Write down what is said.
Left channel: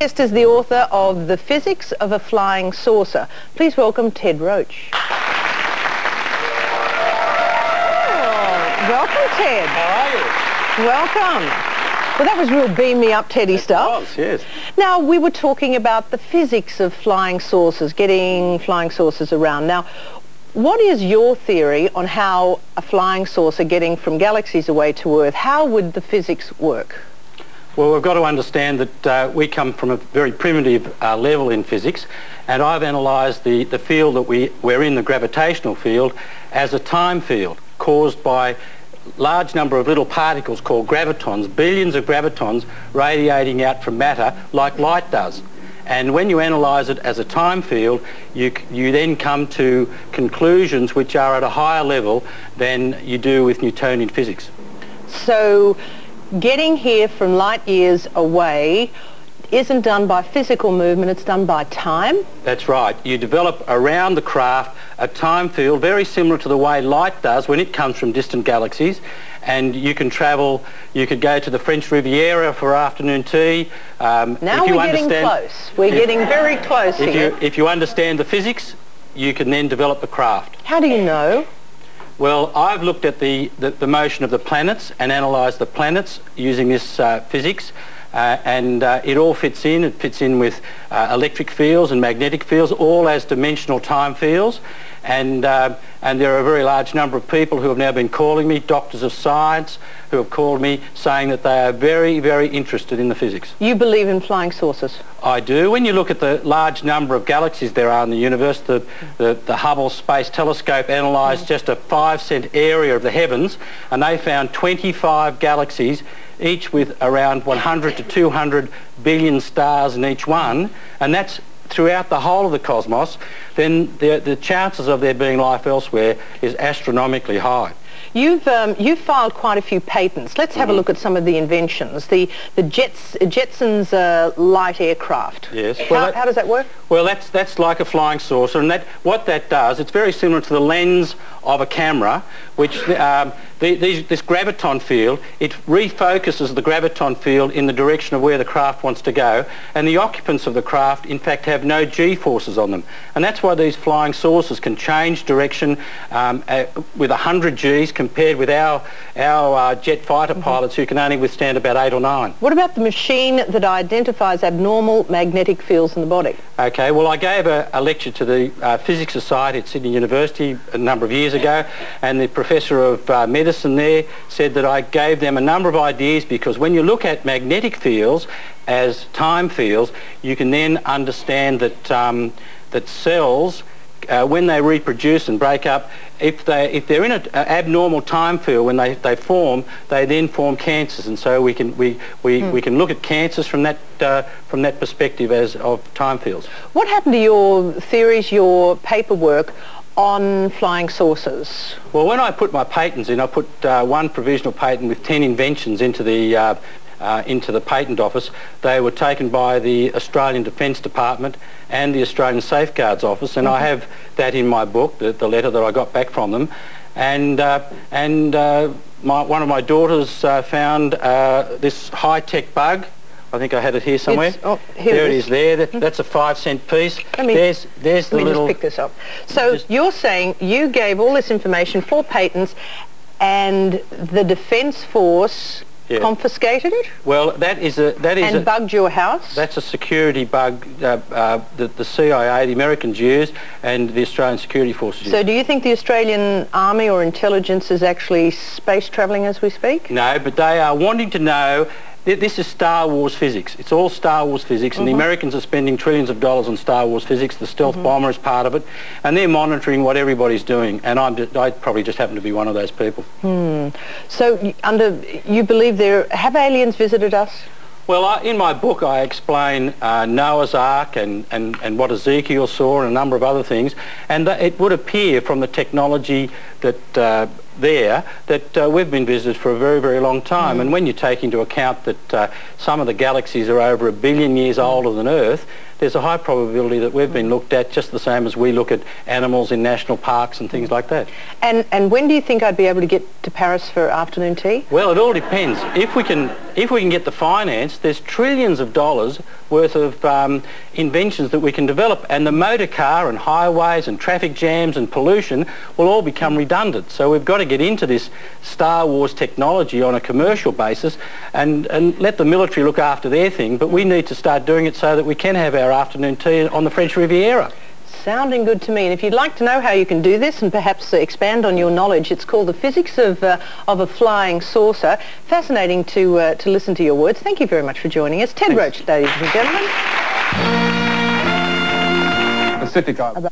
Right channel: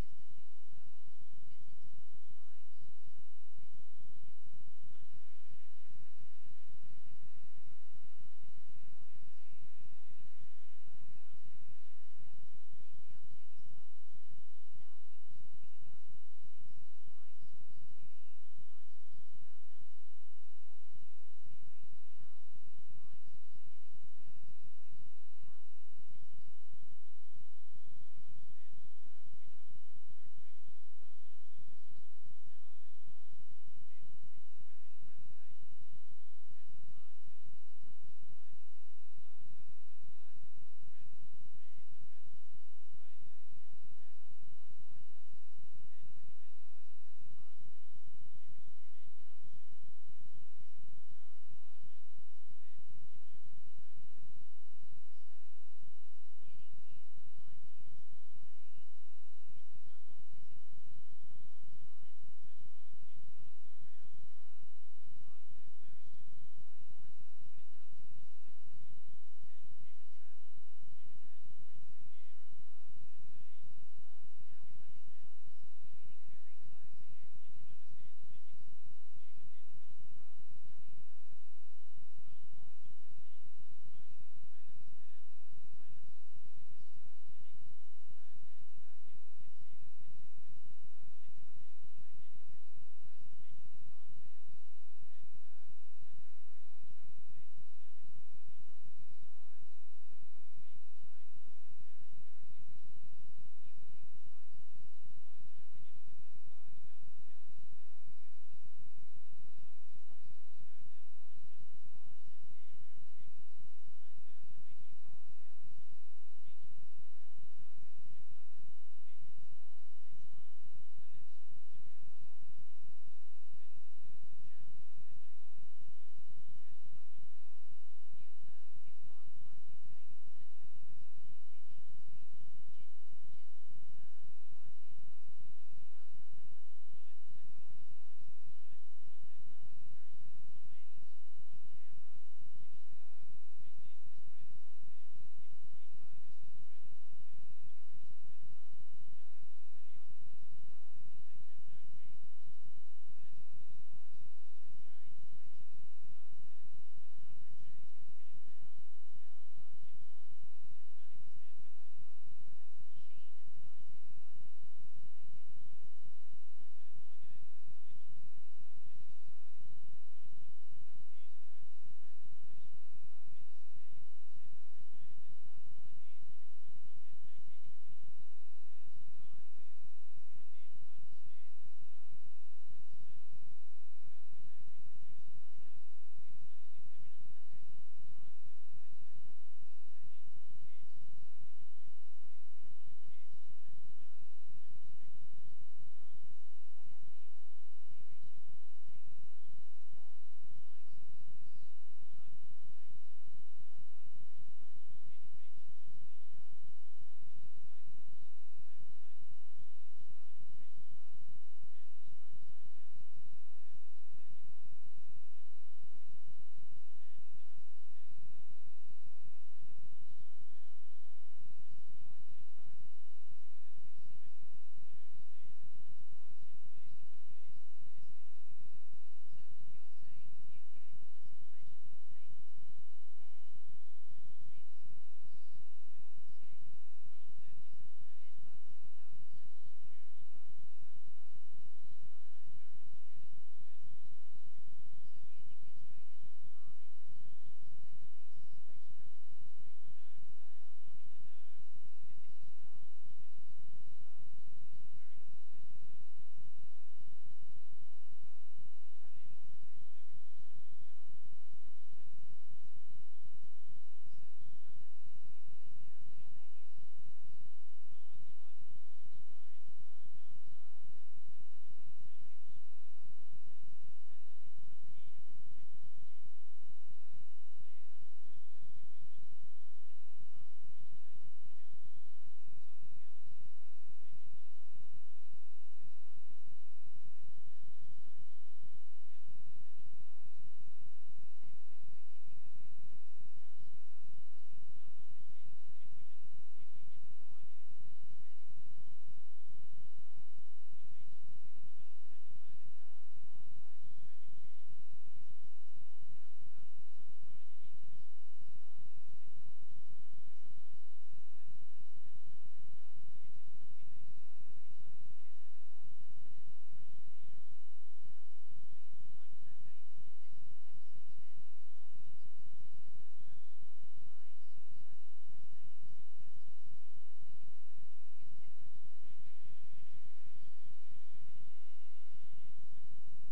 Guest is the author of The Physics of a Flying Saucer. Please welcome Ted Roach. Oh, welcome, Ted. How are you? Welcome. Well, that was real beam me up Teddy stuff. It was, yes. Now, we were talking about the physics of flying saucers, getting flying saucers around. Now, what is your theory on how a flying saucer getting from galaxies away to Earth, how would the physics work? Well, we've got to understand that we come from a very primitive level in physics, and I've analysed the field that we're in, the gravitational field, as a time field caused by large number of little particles called gravitons, billions of gravitons radiating out from matter like light does. And when you analyse it as a time field, you then come to conclusions which are at a higher level than you do with Newtonian physics. So getting here from light years away isn't done by physical movement, it's done by time? That's right. You develop around the craft a time field very similar to the way light does when it comes from distant galaxies, and you can travel, you could go to the French Riviera for afternoon tea. Now we're getting close. We're getting very close here. If you understand the physics, you can then develop the craft. How do you know? Well, I've looked at the motion of the planets and analysed the planets using this physics, and it all fits in. It fits in with electric fields and magnetic fields, all as dimensional time fields. And there are a very large number of people who have now been calling me, doctors of science, who have called me saying that they are very, very interested in the physics. You believe in flying saucers? I do. When you look at the large number of galaxies there are in the universe, the Hubble Space Telescope analysed just a 5-cent area of the heavens, and they found 25 galaxies, each with around 100 to 200 billion stars in each one, and that's throughout the whole of the cosmos. Then the chances of there being life elsewhere is astronomically high. You've filed quite a few patents. Let's have a look at some of the inventions. The Jetson's light aircraft. Yes. Well, how does that work? Well, that's like a flying saucer, and what that does, it's very similar to the lens of a camera, which this graviton field, it refocuses the graviton field in the direction of where the craft wants to go, and the occupants of the craft in fact have no G-forces on them, and that's why these flying saucers can change direction with 100 Gs compared with our jet fighter pilots who can only withstand about 8 or 9. What about the machine that identifies abnormal magnetic fields in the body? Okay, well, I gave a lecture to the Physics Society at Sydney University a number of years ago, and the professor of medicine there said that I gave them a number of ideas, because when you look at magnetic fields as time fields, you can then understand that that cells, when they reproduce and break up, if they're in an abnormal time field, when they form, they then form cancers, and so we can look at cancers from that perspective as of time fields. What happened to your theories, your paperwork on flying saucers? Well, when I put my patents in, I put one provisional patent with 10 inventions into the patent office. They were taken by the Australian Defence Department and the Australian Safeguards Office, and I have that in my book, the letter that I got back from them. And one of my daughters found this high-tech bug. I think I had it here somewhere. Here it is there. That's a 5-cent piece. There's the little... Let me just pick this up. So you're saying you gave all this information for patents, and the Defence Force confiscated it? Well, and bugged your house? That's a security bug that the CIA, the Americans, used, and the Australian security forces used. So do you think the Australian Army or intelligence is actually space travelling as we speak? No, but they are wanting to know. This is Star Wars physics. It's all Star Wars physics, and the Americans are spending trillions of dollars on Star Wars physics. The stealth bomber is part of it, and they're monitoring what everybody's doing, and I probably just happen to be one of those people. So you believe have aliens visited us? Well, in my book I explain Noah's Ark and what Ezekiel saw and a number of other things, and it would appear from the technology that there that we've been visited for a very, very long time. And when you take into account that some of the galaxies are over 1 billion years older than Earth, there's a high probability that we've been looked at just the same as we look at animals in national parks and things like that. And when do you think I'd be able to get to Paris for afternoon tea? Well, it all depends. If we can get the finance, there's trillions of dollars worth of inventions that we can develop, and the motor car and highways and traffic jams and pollution will all become redundant. So we've got to get into this Star Wars technology on a commercial basis and let the military look after their thing, but we need to start doing it so that we can have our afternoon tea on the French Riviera. Sounding good to me. And if you'd like to know how you can do this and perhaps expand on your knowledge, it's called The Physics of a Flying Saucer. Fascinating to listen to your words. Thank you very much for joining us. Ted Roach, ladies and gentlemen. Pacific Island.